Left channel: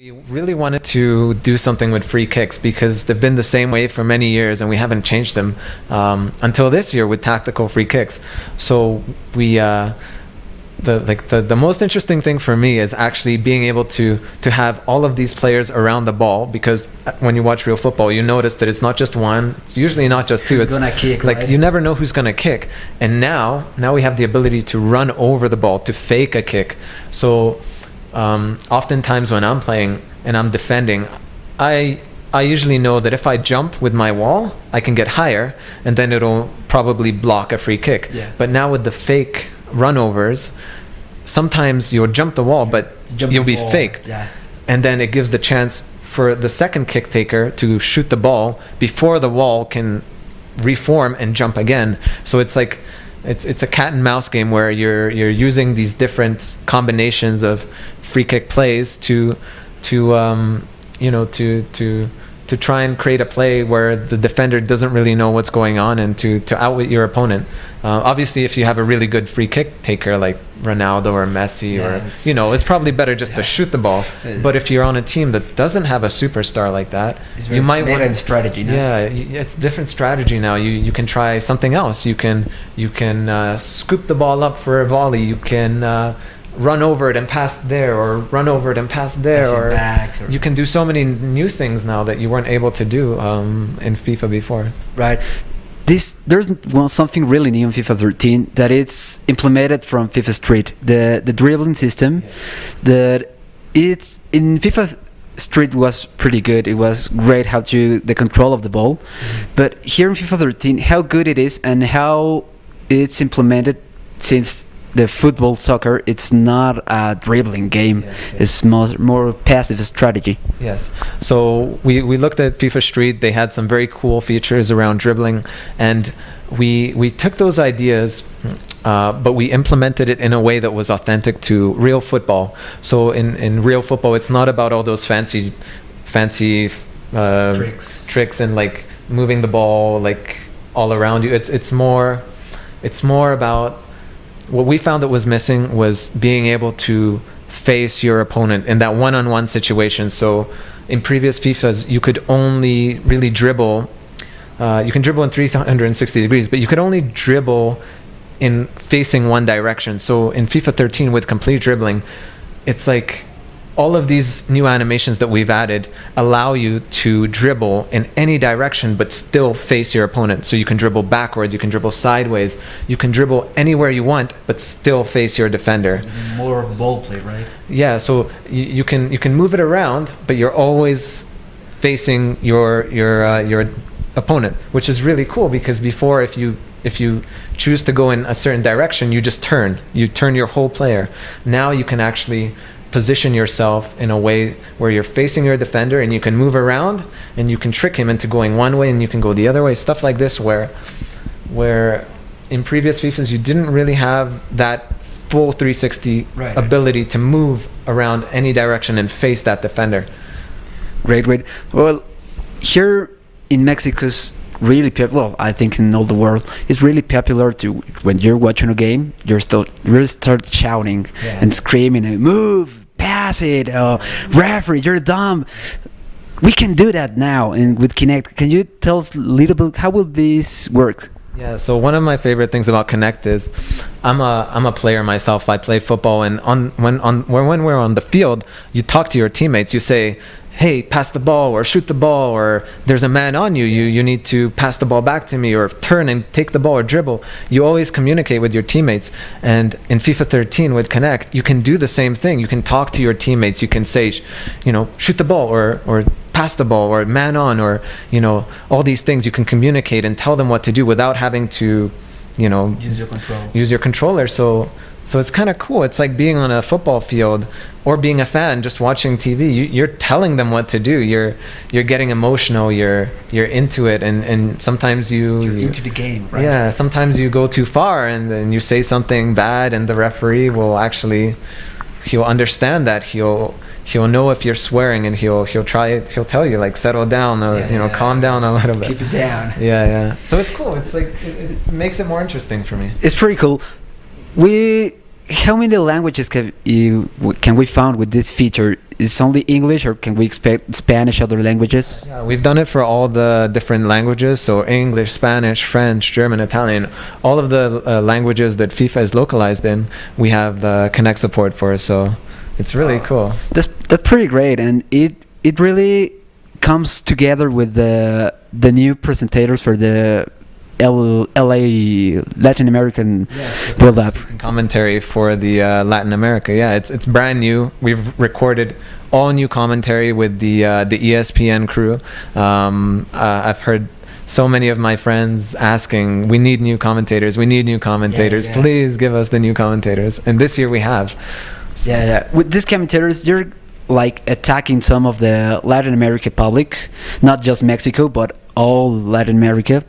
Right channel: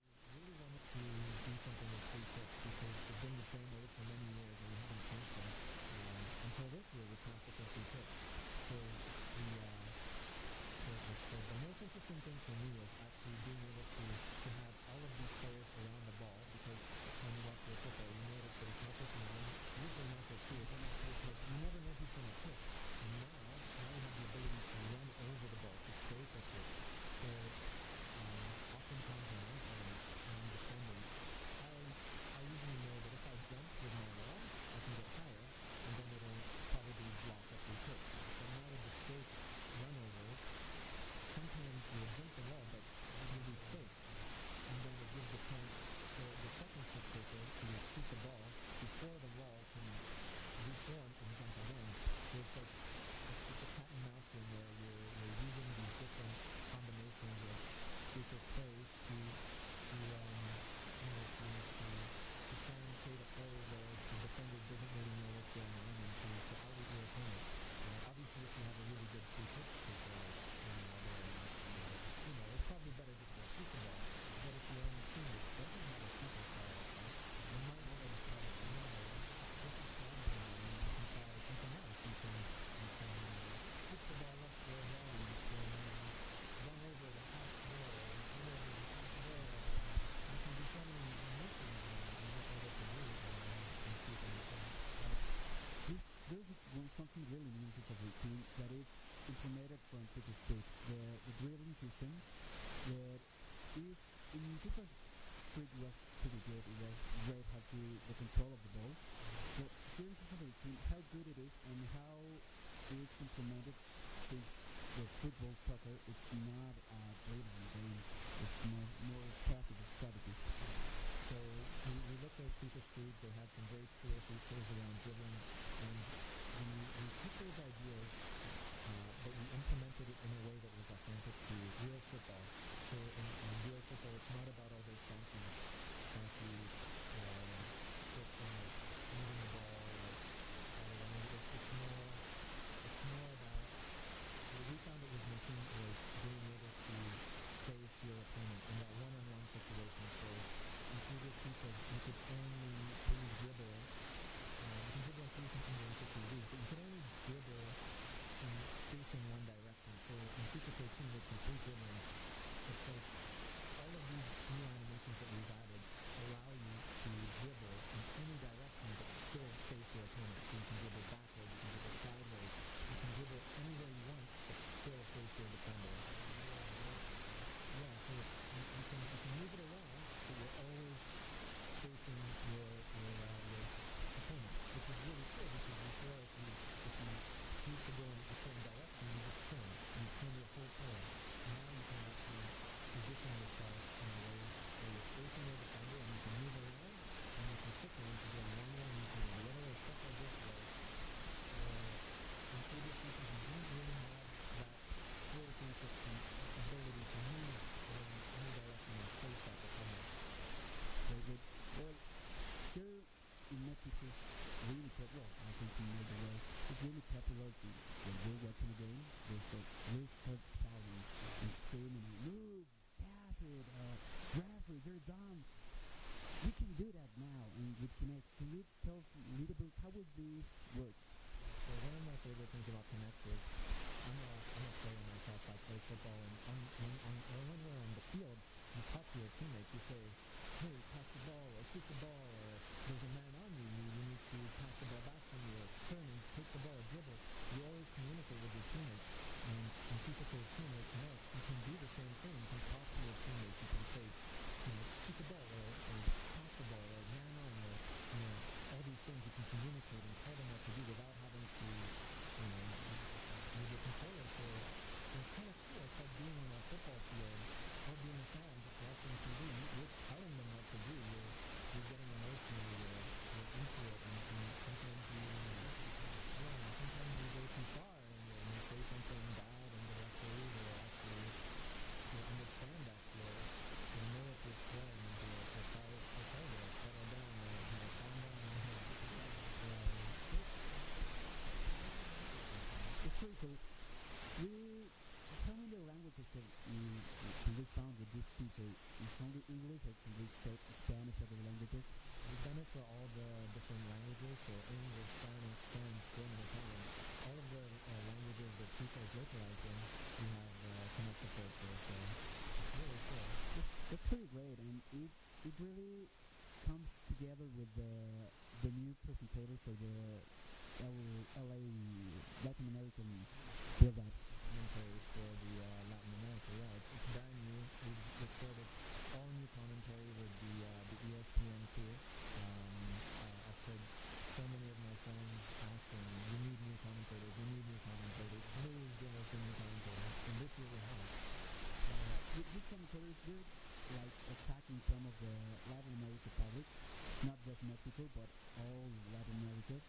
We really wanted to do something with free kicks because they've been the same way for many years and we haven't changed them until this year with tactical free kicks. So the most interesting thing for me is actually being able to have all of these players around the ball, because when you watch real football you notice that it's not just one, it's usually not just two. Who's it's gonna kick, like right? You never know who's gonna kick, and now we have the ability to run over the ball, to fake a kick. So oftentimes when I'm playing and I'm defending, I usually know that if I jump with my wall, I can get higher, and then it'll probably block a free kick. Yeah. But now with the fake runovers, sometimes you'll jump the wall, but you'll be faked. Yeah. And then it gives the chance for the second kick taker to shoot the ball before the wall can reform and jump again. So it's like it's a cat and mouse game where you're using these different combinations of free kick plays to try and create a play where the defender doesn't really know what's going on, and to outwit your opponent. Obviously, if you have a really good free kick taker like Ronaldo or Messi, it's probably better just to shoot the ball. But if you're on a team that doesn't have a superstar like that, you might want a strategy now. Yeah, it's a different strategy now. You can try something else. You can scoop the ball up for a volley. You can run over it and pass there, or run over it and pass there, or you can do so many new things now that you weren't able to do in FIFA before. Right. There's something really new in FIFA 13 that it's implemented from FIFA Street, the dribbling system. That it's in FIFA Street was pretty good. It was great the control of the ball, but here in FIFA 13, how good it is and how it's implemented, since the football soccer, it's not a dribbling game. It's more passive strategy. Yes. So we looked at FIFA Street. They had some very cool features around dribbling, and we took those ideas, but we implemented it in a way that was authentic to real football. So in real football, it's not about all those fancy tricks and like moving the ball like all around you. It's more about, what we found that was missing was being able to face your opponent in that one-on-one situation. So in previous FIFAs, you could only really dribble. You can dribble in 360 degrees, but you could only dribble in facing one direction. So in FIFA 13 with complete dribbling, it's like all of these new animations that we've added allow you to dribble in any direction but still face your opponent. So you can dribble backwards, you can dribble sideways, you can dribble anywhere you want but still face your defender. More ball play, right? Yeah, so you can move it around, but you're always facing your opponent, which is really cool, because before, if you choose to go in a certain direction, you just turn your whole player. Now you can actually position yourself in a way where you're facing your defender, and you can move around and you can trick him into going one way and you can go the other way, stuff like this, where in previous FIFAs you didn't really have that full 360 ability to move around any direction and face that defender. Great. Well, here in Mexico's really well, I think in all the world, it's really popular to, when you're watching a game, you start shouting and screaming, and move, pass it, referee, you're dumb. We can do that now, and with Kinect. Can you tell us a little bit how will this work? Yeah, so one of my favorite things about Kinect is I'm a player myself. I play football, and when we're on the field, you talk to your teammates. You say, hey, pass the ball, or shoot the ball, or there's a man on you, you need to pass the ball back to me, or turn and take the ball, or dribble. You always communicate with your teammates. And in FIFA 13 with Kinect, you can do the same thing. You can talk to your teammates. You can say, shoot the ball, or pass the ball, or man on, or all these things. You can communicate and tell them what to do without having to use your controller. So it's kind of cool. It's like being on a football field, or being a fan just watching TV. You're telling them what to do. You're getting emotional. You're into it, and sometimes you're into the game, right? Yeah, sometimes you go too far, and then you say something bad, and the referee will he'll understand that. He'll know if you're swearing, and he'll tell you, like, settle down, calm down a little bit. Keep it down. So it's cool. It's like it makes it more interesting for me. It's pretty cool. how many languages can we found with this feature? Is it only English, or can we expect Spanish, other languages? Yeah, we've done it for all the different languages, so English, Spanish, French, German, Italian, all of the languages that FIFA is localized in, we have the Connect support for, so it's really cool. That's pretty great, and it really comes together with the new presentators for the LA Latin American build-up. Commentary for the Latin America, yeah, it's brand new. We've recorded all new commentary with the ESPN crew. I've heard so many of my friends asking, we need new commentators, please give us the new commentators, and this year we have. So. Yeah. With these commentators, you're like attacking some of the Latin America public, not just Mexico, but all Latin America.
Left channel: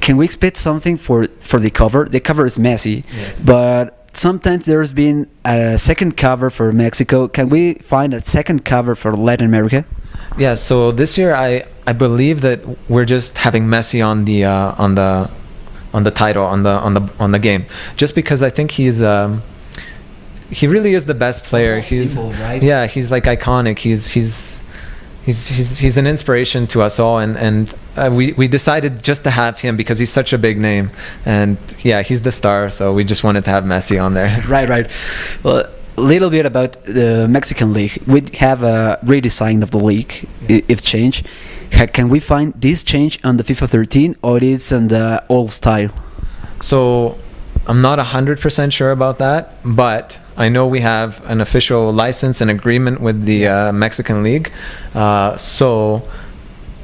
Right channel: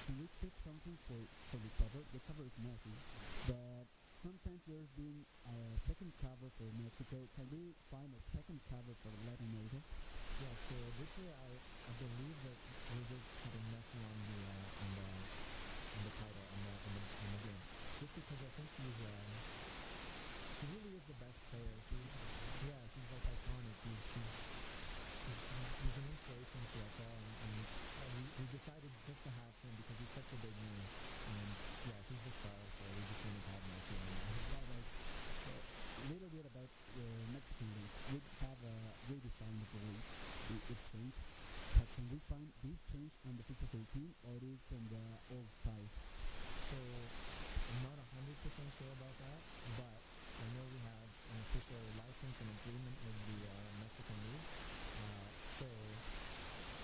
Can we expect something for the cover? The cover is messy, yes, but sometimes there's been a second cover for Mexico. Can we find a second cover for Latin America? Yeah. So this year, I believe that we're just having Messi on the title on the game, just because I think he really is the best player. He's symbol, right? Yeah, he's like iconic. He's an inspiration to us all, and we decided just to have him because he's such a big name, and yeah, he's the star. So we just wanted to have Messi on there. Right. Well, a little bit about the Mexican league. We have a redesign of the league. Yes. It's changed. Can we find this change on the FIFA 13, or it's in the old style? So I'm not 100% sure about that, but I know we have an official license and agreement with the Mexican League. So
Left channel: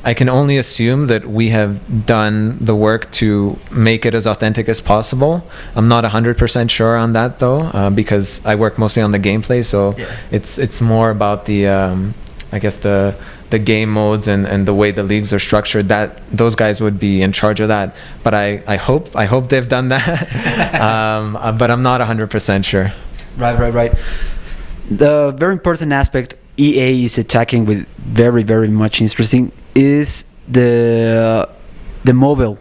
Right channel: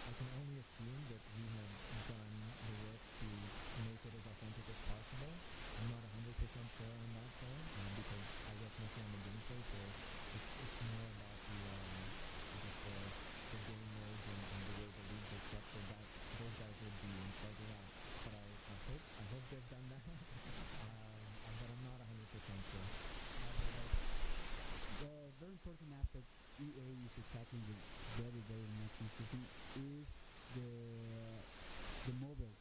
I can only assume that we have done the work to make it as authentic as possible. I'm not 100% sure on that though, because I work mostly on the gameplay. So yeah, it's more about the, I guess the game modes and the way the leagues are structured. That those guys would be in charge of that. But I hope they've done that. But I'm not 100% sure. Right. The very important aspect EA is attacking with very much interesting is the mobile.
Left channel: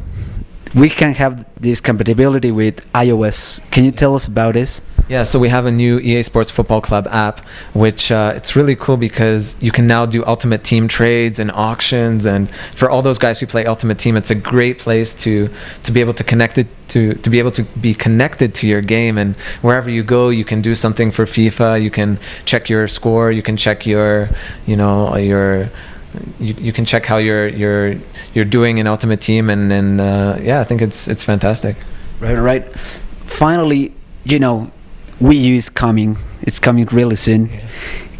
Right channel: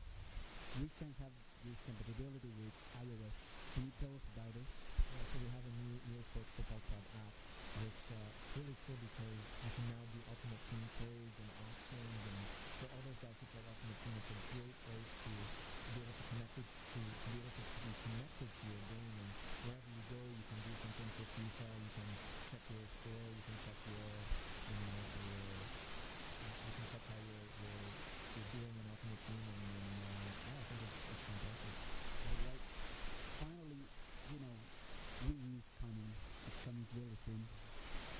We can have this compatibility with iOS. Can you tell us about this? Yeah, so we have a new EA Sports Football Club app, which it's really cool because you can now do Ultimate Team trades and auctions, and for all those guys who play Ultimate Team, it's a great place to be able to connect it to be able to be connected to your game, and wherever you go, you can do something for FIFA. You can check your score. You can check your you can check how you're doing in Ultimate Team, and yeah, I think it's fantastic. Right. Finally, Wii U is coming. It's coming really soon. Yeah.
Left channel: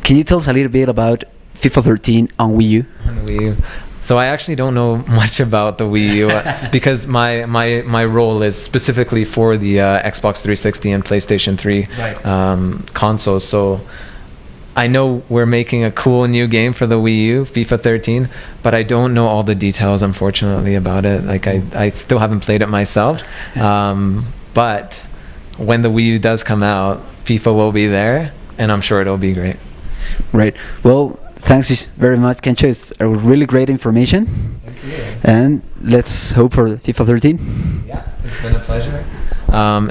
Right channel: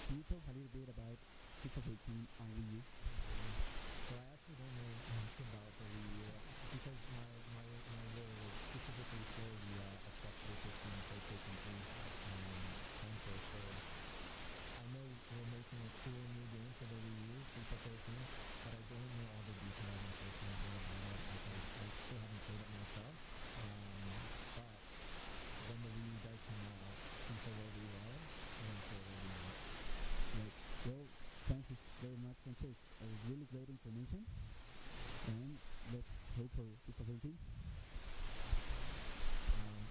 Can you tell us a little bit about FIFA 13 on Wii U? On Wii U. So I actually don't know much about the Wii U because my role is specifically for the Xbox 360 and PlayStation 3 consoles. So I know we're making a cool new game for the Wii U, FIFA 13, but I don't know all the details, unfortunately, about it. Like I still haven't played it myself, but when the Wii U does come out, FIFA will be there, and I'm sure it'll be great. Right. Well, thanks very much, Kantcho. It's a really great information. Thank you. And let's hope for FIFA 13. Yeah, it's been a pleasure.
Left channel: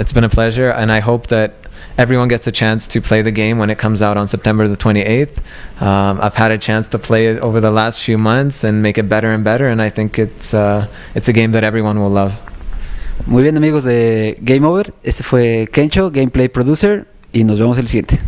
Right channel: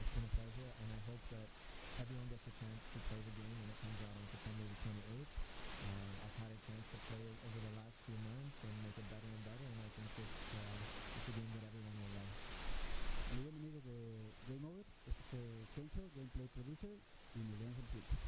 It's been a pleasure, and I hope that everyone gets a chance to play the game when it comes out on September the 28th. I've had a chance to play it over the last few months and make it better and better, and I think it's a game that everyone will love. Muy bien, amigos de Game Over. Este fue Kantcho, Gameplay Producer, y nos vemos el siguiente.